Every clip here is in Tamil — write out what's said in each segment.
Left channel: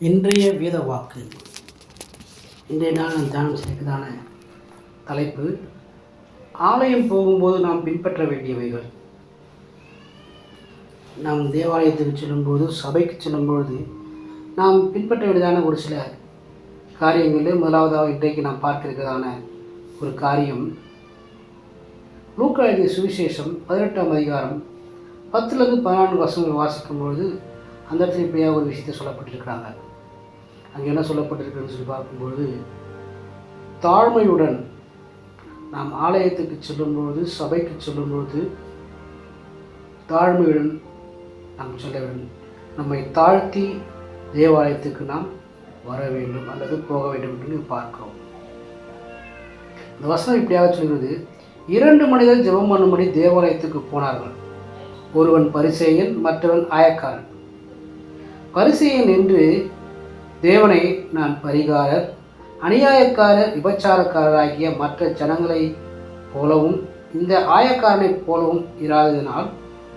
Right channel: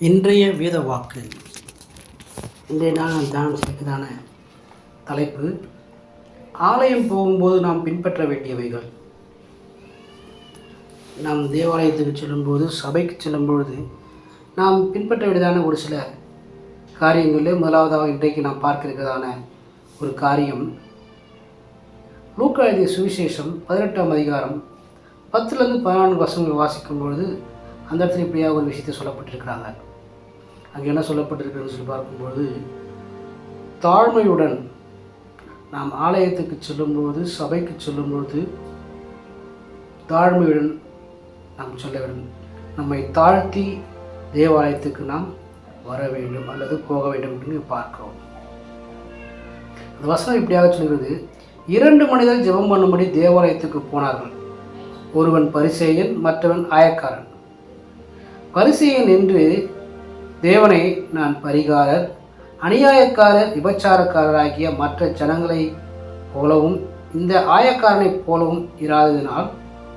இன்றைய வேத வாக்கு. இன்றைய நாள் நாம் தியானம் செய்வதான தலைப்பு, ஆலயம் போகும்போது நாம் பின்பற்ற வேண்டியவைகள். நாம் தேவாலயத்துக்கு செல்லும்போது, சபைக்கு செல்லும்பொழுது நாம் பின்பற்ற வேண்டியதான ஒரு சில காரியங்களில் முதலாவதாக இன்றைக்கு நாம் பார்க்க இருக்கிறதான ஒரு காரியம், லூக்கா எழுதிய சுவிசேஷம் 18ஆம் அதிகாரம் 10-14 வசனங்கள் வாசிக்கும்பொழுது அந்த இடத்துல இப்படியாக ஒரு விஷயத்தை சொல்லப்பட்டிருக்கிறாங்க. அங்கே என்ன சொல்லப்பட்டிருக்குன்னு சொல்லி பார்க்கும்பொழுது, தாழ்மையுடன் நாம் ஆலயத்துக்கு செல்லும்பொழுது, சபைக்கு செல்லும்பொழுது தாழ்மையுடன் நாம் செல்ல வேண்டும். நம்மை தாழ்த்தி தேவாலயத்துக்கு நாம் வர வேண்டும் அல்லது போக வேண்டும் என்று பார்க்கிறோம். இந்த வசனம் இப்படியாக சொல்கிறது, 2 மனிதர் ஜெபம் பண்ணும்படி தேவாலயத்துக்கு போனார்கள். ஒருவன் பரிசேயன், மற்றவன் ஆயக்காரன். பரிசேயன் என்று, தேவனை நான் பரிகாரர், அநியாயக்காரர், விபச்சாரக்காரராகிய மற்ற ஜனங்களை போலவும் இந்த ஆயக்காரனைப் போலவும் இராததினால்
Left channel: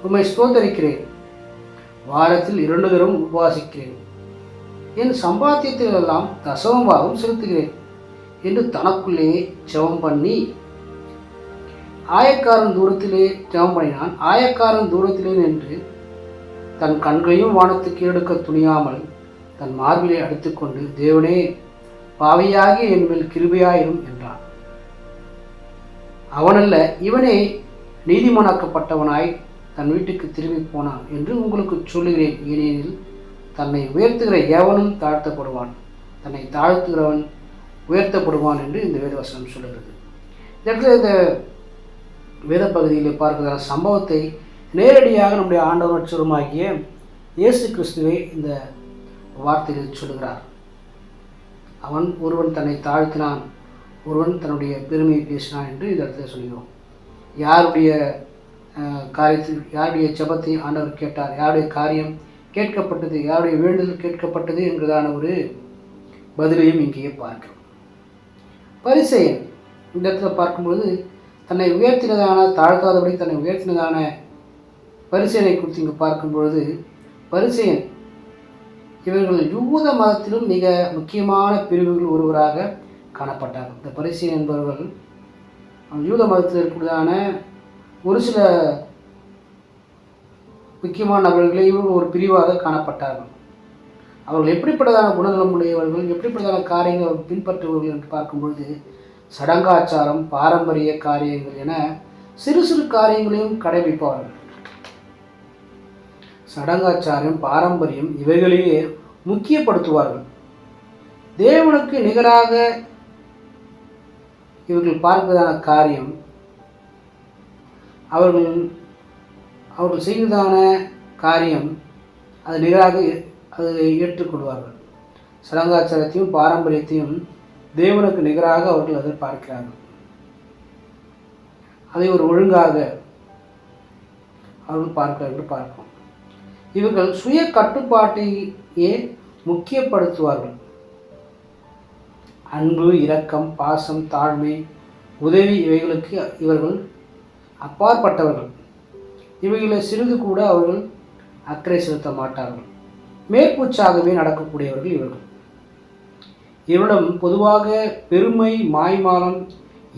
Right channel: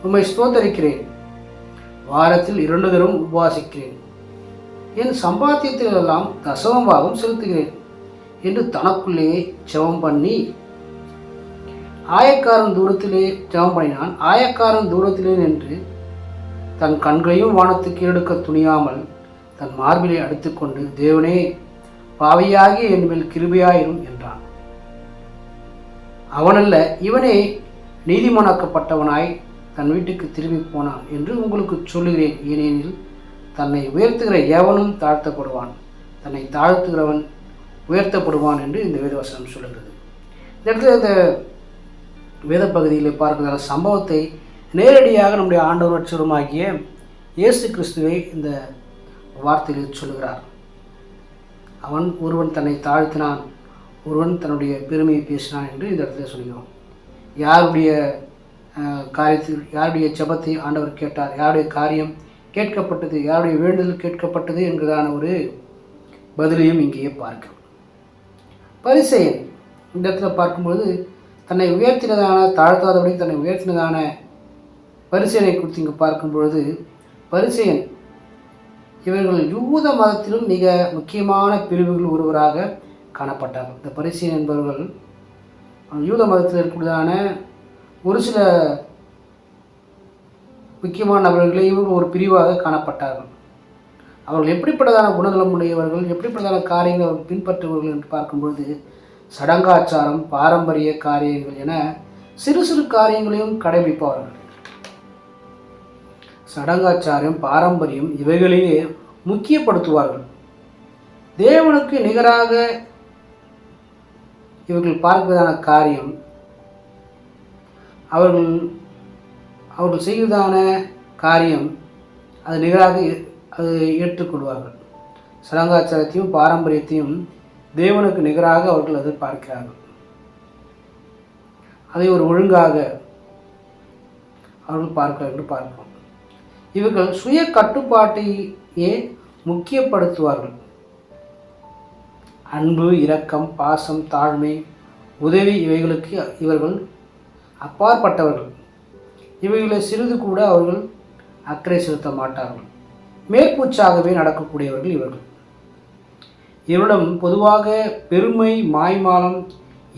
உம்மை ஸ்தோத்தரிக்கிறேன். வாரத்தில் 2 தரம் உபவாசிக்கிறேன். என் சம்பாத்தியத்திலெல்லாம் தசமபாகம் செலுத்துகிறேன் என்று தனக்குள்ளேயே ஜெபம் பண்ணி, ஆயக்காரன் தூரத்திலே ஜெபம் பண்ணினான். ஆயக்காரன் தூரத்திலே நின்று தன் கண்களையும் வானத்துக்கு எடுக்க துணியாமல் தன் மார்பிலை அடித்துக்கொண்டு, தேவனே, பாவியாகி என் மேல் கிருபையாயிரும் என்றான். அவனல்ல, இவனே நீதிமானாக்கப்பட்டவனாய் தன் வீட்டுக்கு திரும்பி போனான் என்று உங்களுக்கு சொல்லுகிறேன். ஏனெனில் தன்னை உயர்த்துகிற எவனும் தாழ்த்தப்படுவான், தன்னை தாழ்த்துகிறவன் உயர்த்தப்படுவான் என்று இந்த வேதவசனம் சொல்லுகிறது. இந்த இடத்துல இந்த வேத பகுதியில் பார்க்கிற சம்பவத்தை நேரடியாக நம்முடைய ஆண்டவர் ரட்சகருமாகிய இயேசு கிறிஸ்துவை இந்த வார்த்தையில் சொல்லுகிறார். ஒருவன் தன்னை தாழ்த்தினான், ஒருவன் தன்னுடைய பெருமையை பேசினான் என்று இந்த இடத்துல சொல்கிறோம். யாருடைய காரியத்தில், யாருடைய ஜெபத்தை ஆண்டவர் கேட்டார், யாருடைய காரியம் கேட்கப்பட்டது, யாருடைய வேண்டுதல் கேட்கப்பட்டது என்கிறதான ஒரு பதிலையும் இங்கேயே பார்க்கிறோம். பரிசேயன் இந்த இடத்துல பார்க்கும்போது, தன்னை உயர்த்தினதான, தாழ்த்தாதபடி தன்னை உயர்த்தினதான பரிசேயனை குறித்து இங்கே பார்க்கும்பொழுது, பரிசேயன் இவர்கள் யூத மதத்திலும் மிக முக்கியமான பிரிவுகள் ஒருவராக காணப்பட்டார். இந்த பரிசேயன் என்பவர்கள் யூத மதத்தில் இருக்கக்கூடியதான ஒரு சில முக்கியமான நபர்களையும் ஒரு பிரிவாக காணப்பட்டார்கள். அவர்கள் எப்படிப்பட்டதான குணநலம் உடையவர்கள், எப்படிப்பட்டதான காரியங்கள் அவர்கள் பின்பற்றுபவர்கள் என்று பார்க்கும்பொழுது, சடங்காச்சாரம், பாரம்பரிய காரியங்கள் என சிறு சிறு காரியங்களையும் கடைபிடிப்பவர்கள். சடங்காச்சாரம், பாரம்பரியம் இவைகளையே முக்கியப்படுத்துவார்கள். தேவனுக்கு நிகராக இவர்கள் பார்ப்பதான காரியம், அவர்கள் செய்வதான காரியம் அது நிகராக அது ஏற்றுக்கொள்வார்கள். சடங்காச்சாரத்தையும் பாரம்பரியத்தையும் தேவனுக்கு நிகராக அவர்கள் அதை பார்க்கிறார்கள். அதை ஒரு ஒழுங்காக அவர்கள் பார்க்கிறார்கள் என்று பார்ப்போம். இவர்கள் சுய கட்டுப்பாட்டையே முக்கியப்படுத்துவார்கள். அன்பு, இரக்கம், பாசம், தாழ்மை, உதவி இவைகளுக்கு இவர்கள் அப்பாற்பட்டவர்கள். இவைகளை சிறிது கூட அவர்கள் அக்கறை செலுத்த மாட்டார்கள். மேற்பூச்சாகவே நடக்கக்கூடியவர்கள் இவர்கள். இவரிடம் பொதுவாக பெருமை, மாய்மாலம்,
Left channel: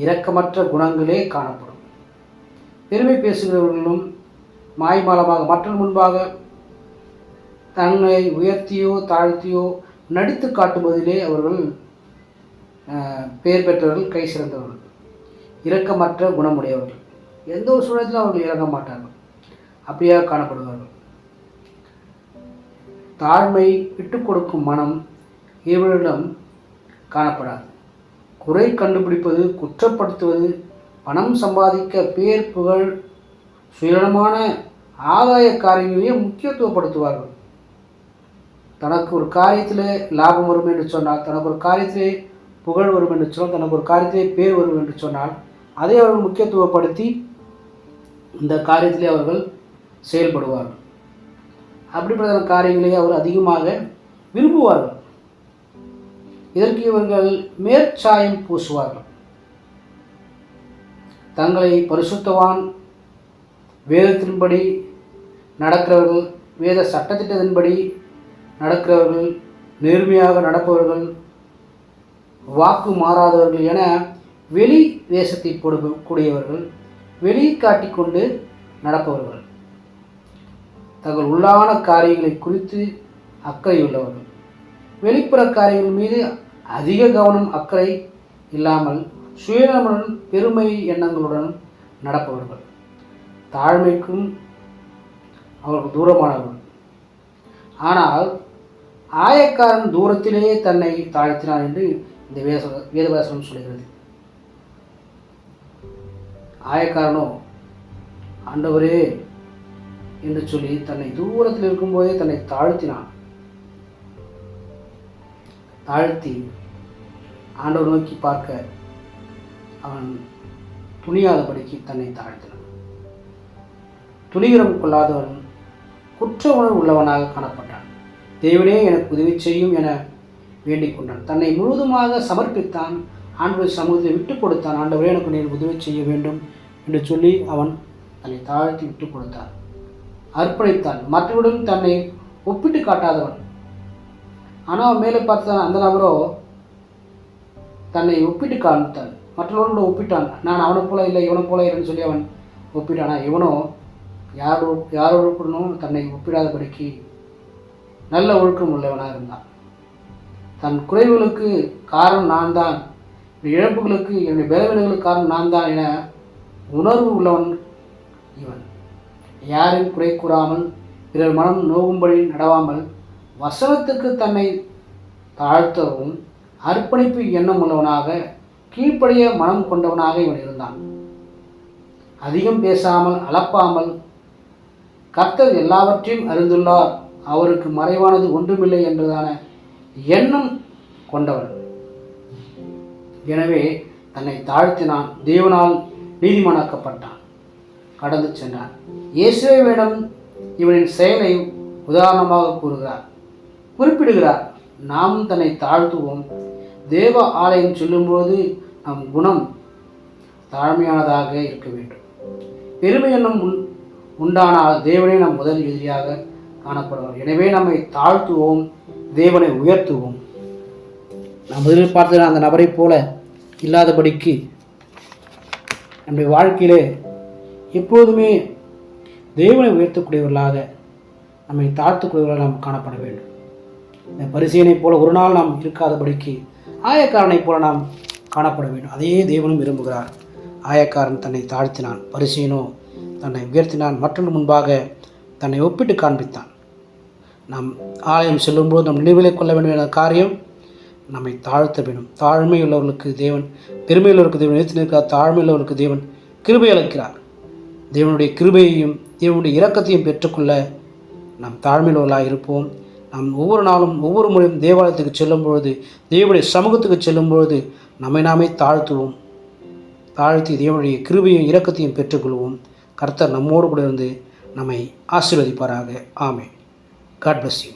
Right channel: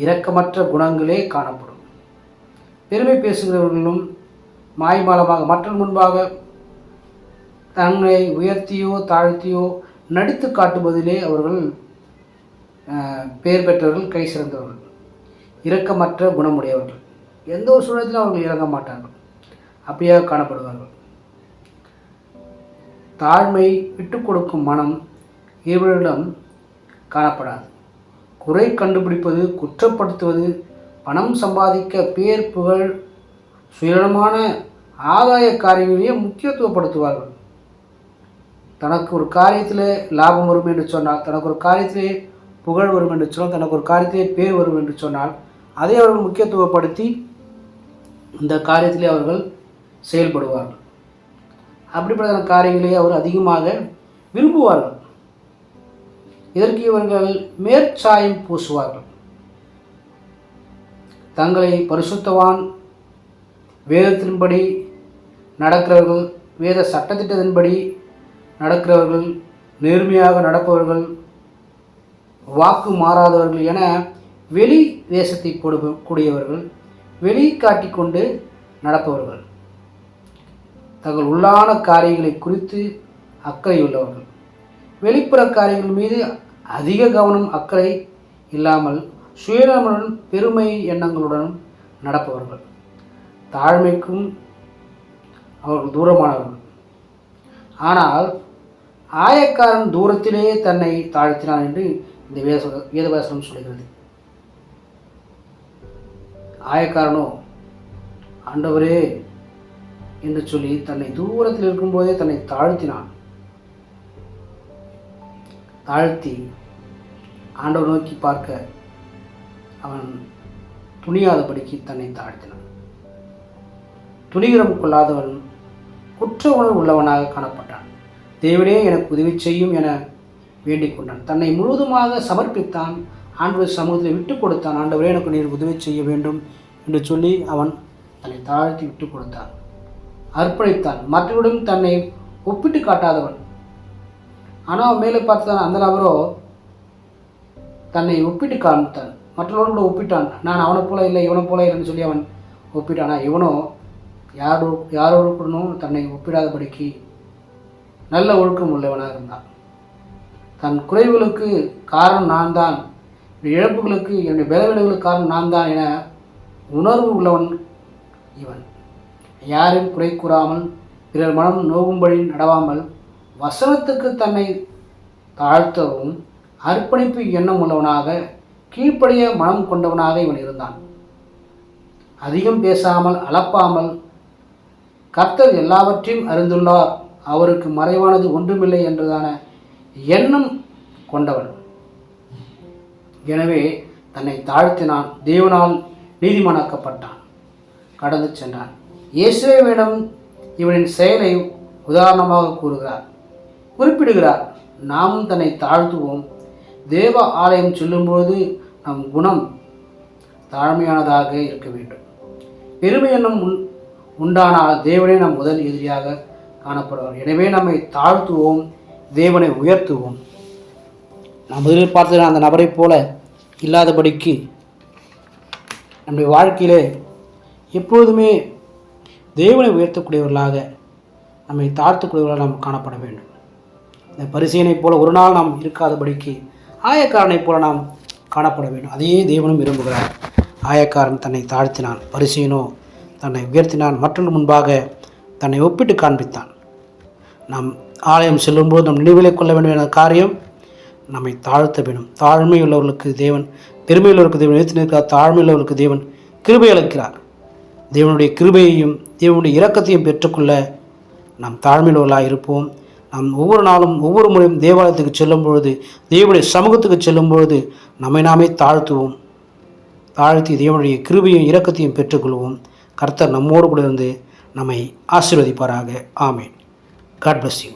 இரக்கமற்ற குணங்களே காணப்படும். பெருமை பேசுகிறவர்களும் மாய்மாலமாக மற்ற முன்பாக தன்னை உயர்த்தியோ தாழ்த்தியோ நடித்து காட்டுவதிலே அவர்கள் பெயர் பெற்றவர்கள், கை சிறந்தவர்கள். இரக்கமற்ற குணமுடையவர்கள். எந்த ஒரு சூழத்திலும் அவர்கள் இறங்க மாட்டார்கள், அப்படியாக காணப்படுவார்கள். தாழ்மை, விட்டு கொடுக்கும் மனம் இவர்களிடம் காணப்படாது. குறை கண்டுபிடிப்பது, குற்றப்படுத்துவது, பணம் சம்பாதிக்க பேர், புகழ், சுயநலமான ஆதாய காரியங்களையே முக்கியத்துவப்படுத்துவார்கள். தனக்கு ஒரு காரியத்தில் லாபம் வரும் என்று சொன்னால், தனக்கு ஒரு காரியத்திலே புகழ் வரும் என்று சொன்னால், தனக்கு ஒரு காரியத்திலே பேர் வரும் என்று சொன்னால், அதை அவர்கள் முக்கியத்துவப்படுத்தி இந்த காரியத்திலே அவர்கள் செயல்படுவார்கள். அப்படிப்பட்ட காரியங்களை அவர் அதிகமாக விரும்புவார்கள். இதற்கு இவர்கள் மேற்சாயம் பூசுவார்கள். தங்களை பரிசுத்தவான், வேதத்தின்படி நடக்கிறவர்கள், வேத சட்டத்திட்டத்தின்படி நடக்கிறவர்கள், நேர்மையாக நடப்பவர்கள், வாக்கு மாறாதவர்கள் என வெளி வேஷத்தை கூடியவர்கள், வெளி காட்டிக்கொண்டு நடப்பவர்கள், தங்கள் உள்ளான காரியங்களை குறித்து அக்கறையுள்ளவர்கள், வெளிப்புற காரியங்கள் மீது அதிக கவனம் அக்கறை இல்லாமல் சுயநலமுடன் பெருமை எண்ணங்களுடன் நடப்பவர்கள், தாழ்மைக்கும் அவர்கள் தூரமானவர்கள். ஆனால் ஆயக்காரன் தூரத்திலேயே தன்னை தாழ்த்தினான் என்று இந்த வேதவசனம் சொல்கிறது. ஆயக்காரனோ ஆண்டவரே என்று சொல்லி தன்னை தூரத்தில் இருக்கும்போதே தன்னை தாழ்த்தினான். தாழ்த்தி ஆண்டவர் நோக்கி பார்க்க அவன் துணியாதபடிக்கு தன்னை தாழ்த்தினான். துணிகரம் கொள்ளாதவன் குற்ற உணர்வு உள்ளவனாக காணப்பட்டான். தேவனே எனக்கு உதவி செய்யும் என வேண்டிக் கொண்டான். தன்னை முழுவதுமாக சமர்ப்பித்தான். ஆண்டவர் சமூகத்தை விட்டு கொடுத்தான். ஆண்டவரே எனக்கு நீர் உதவி செய்ய வேண்டும் என்று சொல்லி அவன் தன்னை தாழ்த்தி விட்டு கொடுத்தான், அர்ப்பணித்தான். மற்றவருடன் தன்னை ஒப்பிட்டு காட்டாதவன். ஆனால் மேலே பார்த்தான் அந்த நபரோ தன்னை ஒப்பிட்டு காண்பித்தான், மற்றவர்களோடு ஒப்பிட்டான். நான் அவனை போல இல்லை, இவனை போல இல்லைன்னு சொல்லி அவன் ஒப்பிட்டானா, இவனோ யாரோடு தன்னை ஒப்பிடாதபடிக்கு நல்ல ஒழுக்கம் உள்ளவனாக இருந்தான். தன் குறைவுகளுக்கு காரணம் நான் தான், இழப்புகளுக்கு என்னுடைய பலவீனங்களுக்கு காரணம் நான் தான் என உணர்வு உள்ளவன் இவன். யாரையும் குறை கூறாமல், பிறர் மனம் நோகும்படி நடவாமல், வசனத்துக்கு தன்னை தாழ்த்தவும் அர்ப்பணிப்பு எண்ணம் உள்ளவனாக, கீழ்ப்படிய மனம் கொண்டவனாக இவன் இருந்தான். அதிகம் பேசாமல், அளப்பாமல், கர்த்தர் எல்லாவற்றையும் அறிந்துள்ளார், அவருக்கு மறைவானது ஒன்றுமில்லை என்றதான எண்ணம் கொண்டவன். எனவே தன்னை தாழ்த்தினான், தேவனால் நீதிமானாக்கப்பட்டான், கடந்து சென்றான். இயேசுவிடம் இவனின் செயலை உதாரணமாக குறிப்பிடுகிறார். நாமும் தன்னை தாழ்த்துவோம். தேவ ஆலயம் செல்லும்போது நம் குணம் தாழ்மையானதாக இருக்க வேண்டும். பெருமை என்னும் உண்டானால் தேவனே நம் முதல் எதிரியாக காணப்படுவார். எனவே நம்மை தாழ்த்துவோம், தேவனை உயர்த்துவோம். நாம் முதலில் பார்த்தது அந்த நபரை போல இல்லாதபடிக்கு நம்முடைய வாழ்க்கையிலே எப்போதுமே தேவனை உயர்த்தக்கூடியவர்களாக, நம்மை தாழ்த்தக்கூடியவர்களாக நாம் காணப்பட வேண்டும். இந்த பரிசேயனைப் போல ஒரு நாள் நாம் இருக்காதபடிக்கு ஆயக்காரனைப் போல நாம் காணப்பட வேண்டும். அதையே தேவனும் விரும்புகிறார். ஆயக்காரன் தன்னை தாழ்த்தினான், பரிசேயனோ தன்னை உயர்த்தினான், மற்றொன்று முன்பாக தன்னை ஒப்பிட்டு காண்பித்தான். நாம் ஆலயம் செல்லும்போது நம் நினைவிலை கொள்ள வேண்டும் என்ற காரியம் நம்மை தாழ்த்த வேண்டும். தாழ்மையுள்ளவர்களுக்கு தேவன், பெருமையுள்ளவருக்கு தேவன் உயர்த்தி நிற்கிறார். தாழ்மையுள்ளவர்களுக்கு தேவன் கிருபை அளிக்கிறார். தேவனுடைய கிருபையையும் தேவனுடைய இரக்கத்தையும் பெற்றுக்கொள்ள நாம் தாழ்மையுள்ளவர்களாக இருப்போம். நாம் ஒவ்வொரு நாளும் ஒவ்வொரு முறையும் தேவாலயத்துக்கு செல்லும் பொழுது, தேவனுடைய சமூகத்துக்கு செல்லும் பொழுது நம்மை நாமே தாழ்த்துவோம். தாழ்த்தி தேவனுடைய கிருபையும் இரக்கத்தையும் பெற்றுக்கொள்வோம். கர்த்தர் நம்மோடு கூட இருந்து நம்மை ஆசீர்வதிப்பாராக. ஆமென். God bless you.